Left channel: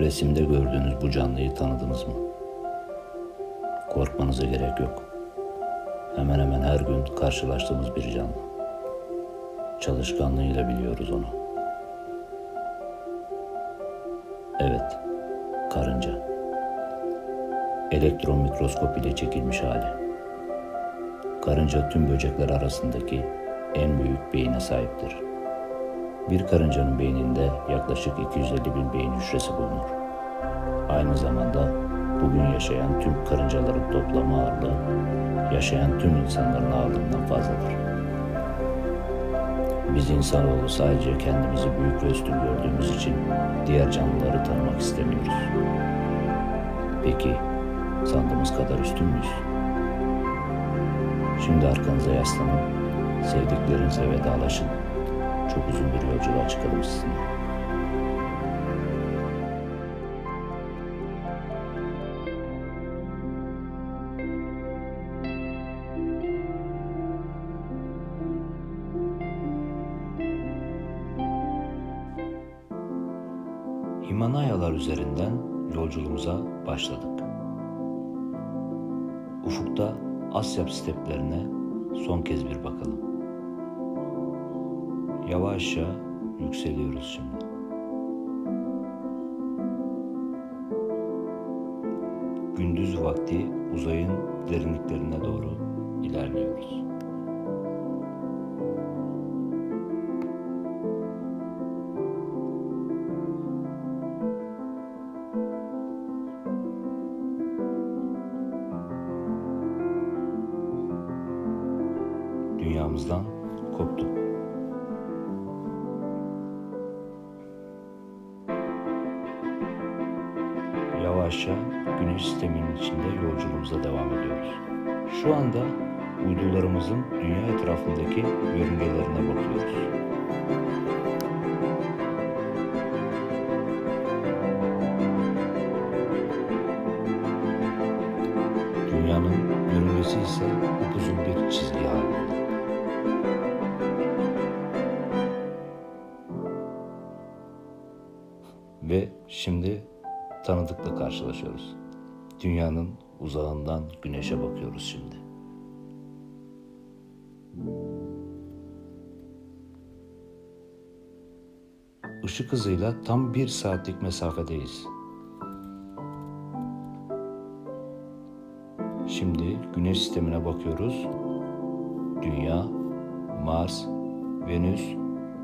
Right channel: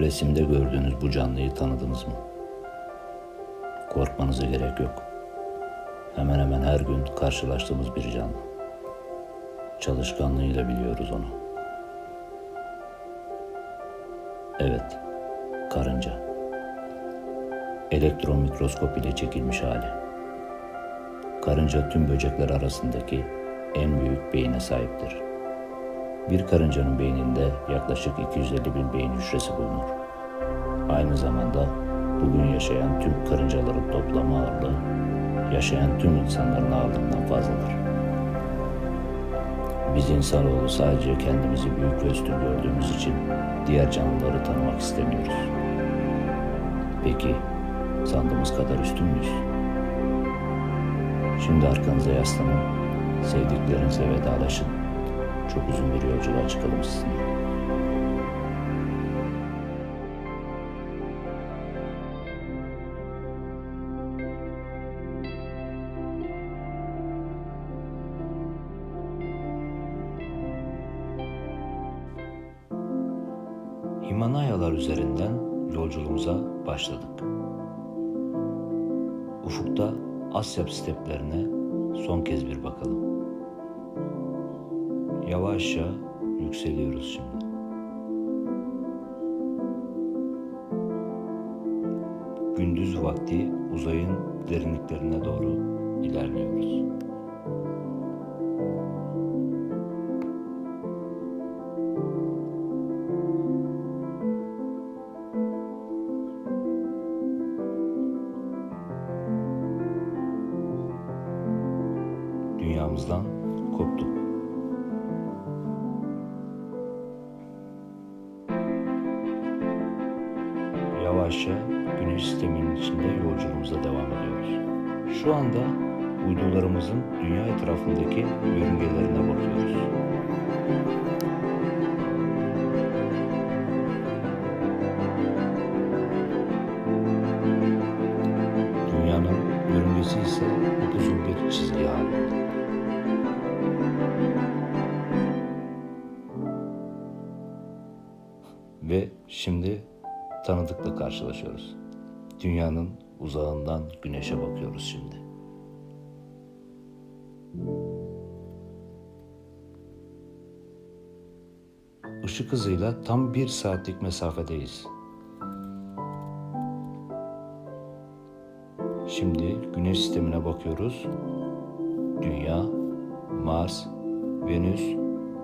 Resimde gördüğünüz bu canlıyı tanıdınız mı? Korkmanıza gerek yok. Hemen hemen her gün karşılaştığımız bir canlı. Çalışkanlığıyla biliyoruz onu. Evet, karınca. Elektron mikroskop ile çekilmiş hali. Karınca tüm böcekler arasındaki en büyük beyine sahiptir. Bir karıncanın beyninde yaklaşık 250 bin beyin hücresi bulunur. Aynı zamanda bugün yaşayan tüm karıncaların toplam ağırlığı yaşayan tüm insanların ağırlığından fazladır. Biz insanoğlu sadece kendimizi büyük ve üstün gördüğümüz için diğer canlıları tanımak istemiyoruz. Peki sandığımız kadar üstün müyüz? Şimdi arkanıza yaslanın, sevdiklerinizle vedalaşın. Çok uzun bir yolculuğa çıkalım sizinle. Himalayalar üzerinden yolculuğumuza başladık. Ufukta Asya steplerine son kez bir bakalım. Yavaşça yükseliyoruz şimdi. Gündüz vakti uzayın derinliklerine doğru ilerliyoruz. Dünyamızdan koptuk. Yavaşça güneş sisteminin içinde yolculuğumuza devam ediyoruz. Şu anda uydularımızın dünya etrafındaki yörüngelerine bakıyoruz. Dünyanın yörüngesi ise upuzun bir çizgi halinde. Ve şimdi tanıdıkla karşılaşıyoruz. Dünyanın uzağından güneşe bakıyoruz şimdi. Işık hızıyla tam bir saatlik mesafedeyiz. Şimdi güneş sistemine bakıyoruz. Dünya, Mars, Venüs,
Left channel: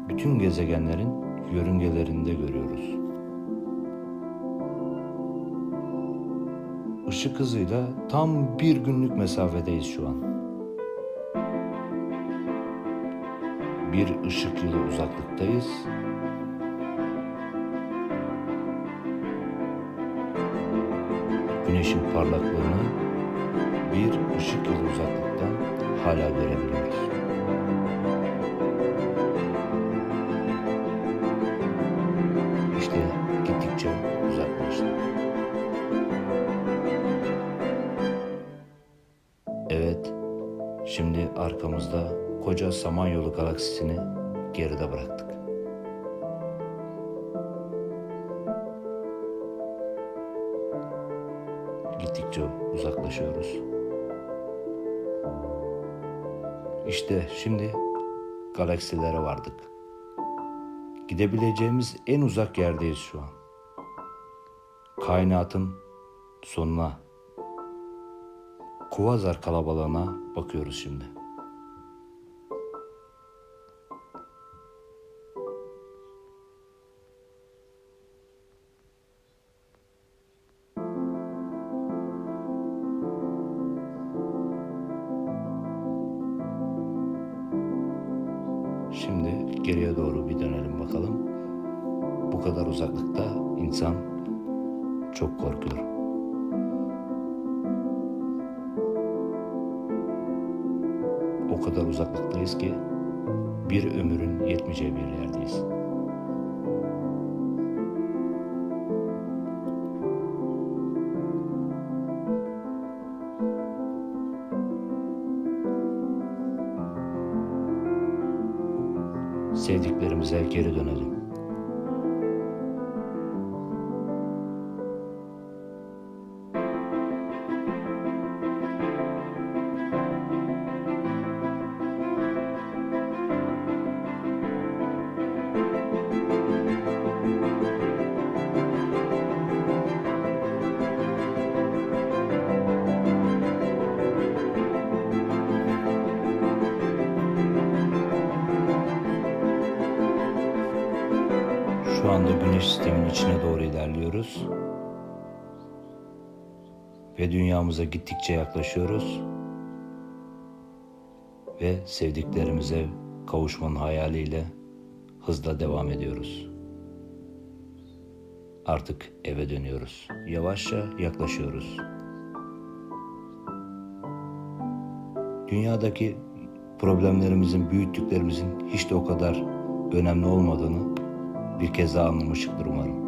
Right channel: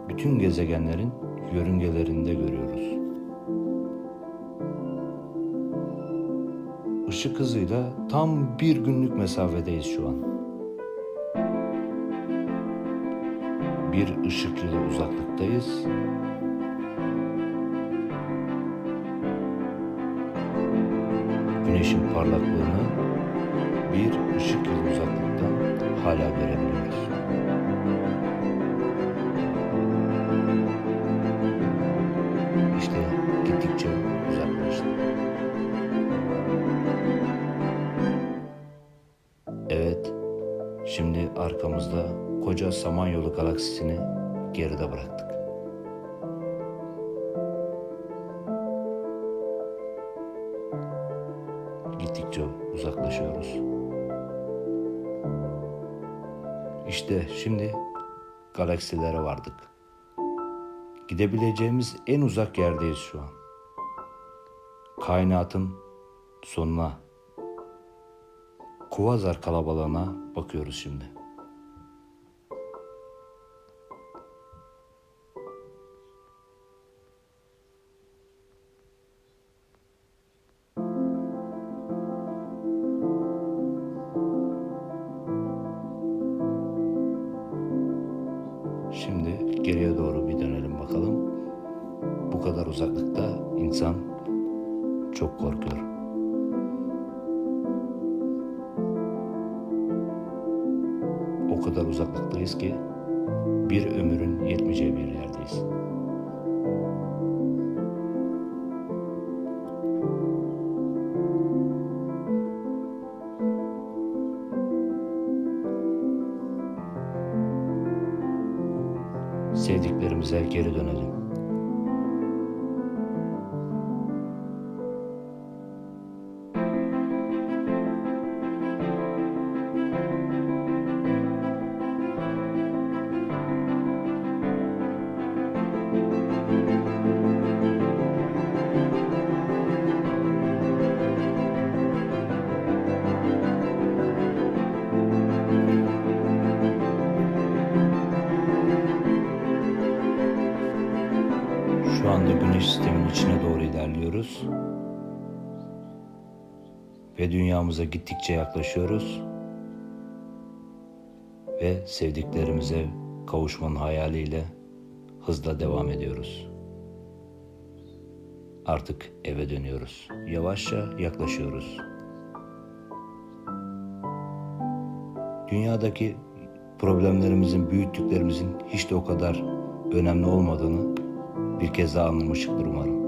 bütün gezegenlerin yörüngelerinde görüyoruz. Işık hızıyla tam bir günlük mesafedeyiz şu an. Bir ışık yılı uzaklıktayız. Güneşin parlaklığını bir ışık yılı uzaklıktan hala görebiliyoruz. İşte gittikçe uzaklaştı. Şimdi arkamızda koca Samanyolu galaksisini geride bıraktık. Gittikçe uzaklaşıyoruz. İşte şimdi galaksilere vardık. Gidebileceğimiz en uzak yerdeyiz şu an. Kainatın sonuna Kuvazar kalabalığına bakıyoruz şimdi. Şimdi geriye doğru bir dönelim bakalım. Bu kadar uzaklıkta insan çok korkuyor. O kadar uzaklıktayız ki bir ömrün yetmeyeceği bir yerdeyiz. Sevdiklerimize geri dönelim. Anda güneş sisteminin içine doğru ilerliyoruz. Ve dünyamıza gittikçe yaklaşıyoruz. Ve sevdiklerimize kavuşmanın hayaliyle hızla devam ediyoruz. Artık eve dönüyoruz. Yavaşça yaklaşıyoruz. Dünyadaki problemlerimizin, büyüttüklerimizin hiç de o kadar önemli olmadığını bir kez daha anlamıştıkdır umarım.